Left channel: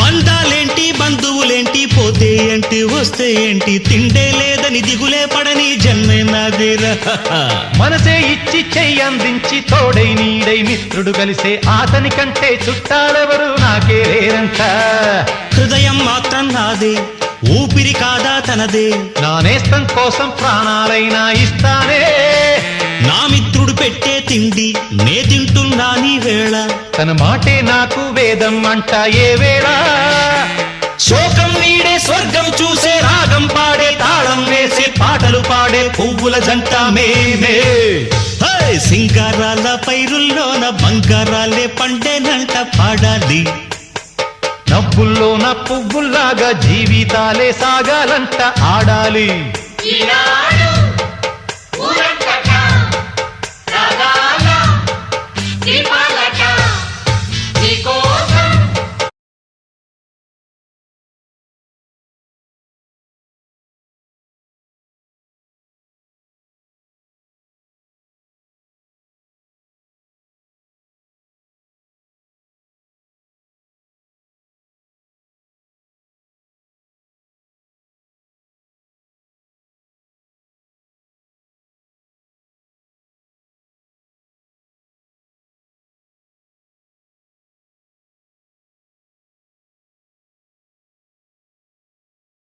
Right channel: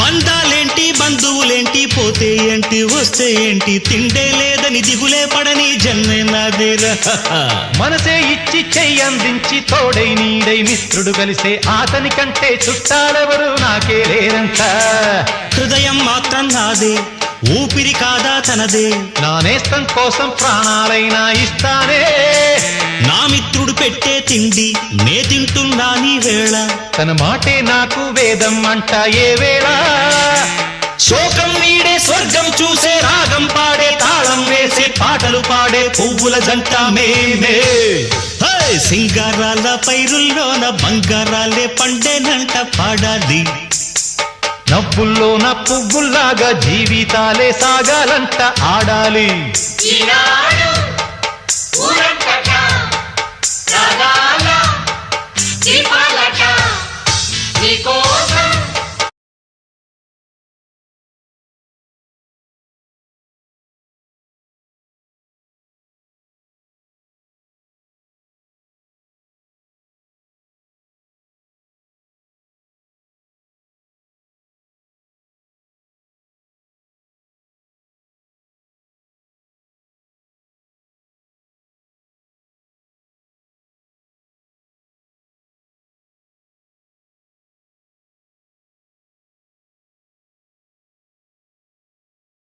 బంధాలేంటి బంధువులేంటి పోతే ఏంటి వస్తే ఏంటి తిండే లేదని దిగులే పడని జన్మే నాదేరా మనసే ఇచ్చి చెయ్యందించి తోడై నీడై మిత్రుడు కలిసే అతని కంటే చుట్టాలెవరు నాకే లేరంట హృదయం మాత్రం నాదే ఊపిరి కాదా తనదే నా నేస్తం కోసం ప్రాణాలైనా ఇస్తానే నా మిత్రుడు పెట్టే తిండి నే తింటున్నా నీ వేళ తన మాటే నాకు వేదం అంట ఏ వేళ శోకం వీడే స్వర్గం చూసే రాగం పాడే తాళం వేసే పాటలు పాడే పువ్వుల జంట మేమే సింగారాల పైరుల్లోన బంగారాలే పండేనంట పాడాలి నవ్వుల్లోన పువ్వుల్లాగా జీవితాలే సాగాలంట ఆడాలి ఈనాడు